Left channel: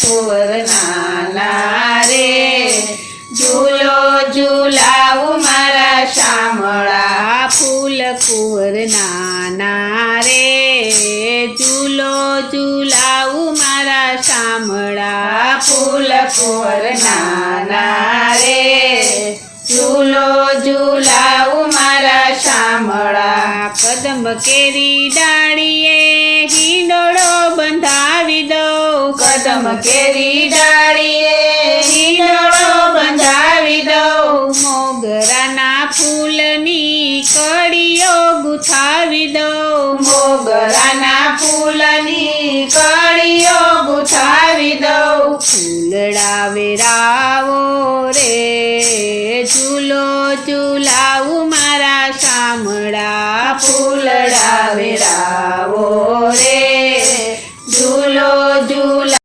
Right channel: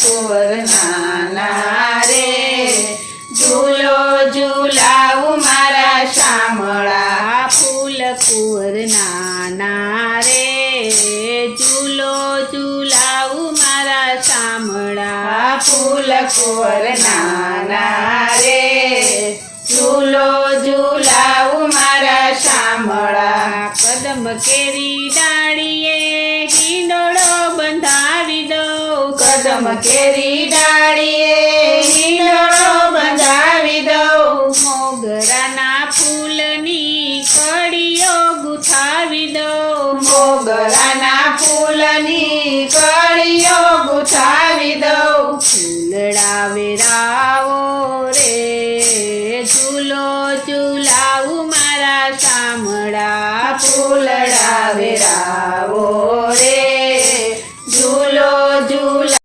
કુંવર નાના રે ઝૂલો ઝૂલાવું મારા શામળા ફૂલ કુંવર નાના રે ઝૂલો ઝૂલાવું મારા શામળા ફૂલ કુંવર નાના રે ઝૂલો ઝૂલાવું મારા શામળા કદંબ કેરી ડાળીએ હિંડોળો બંધાવી દઉં કદમ કેરી ડાળીએ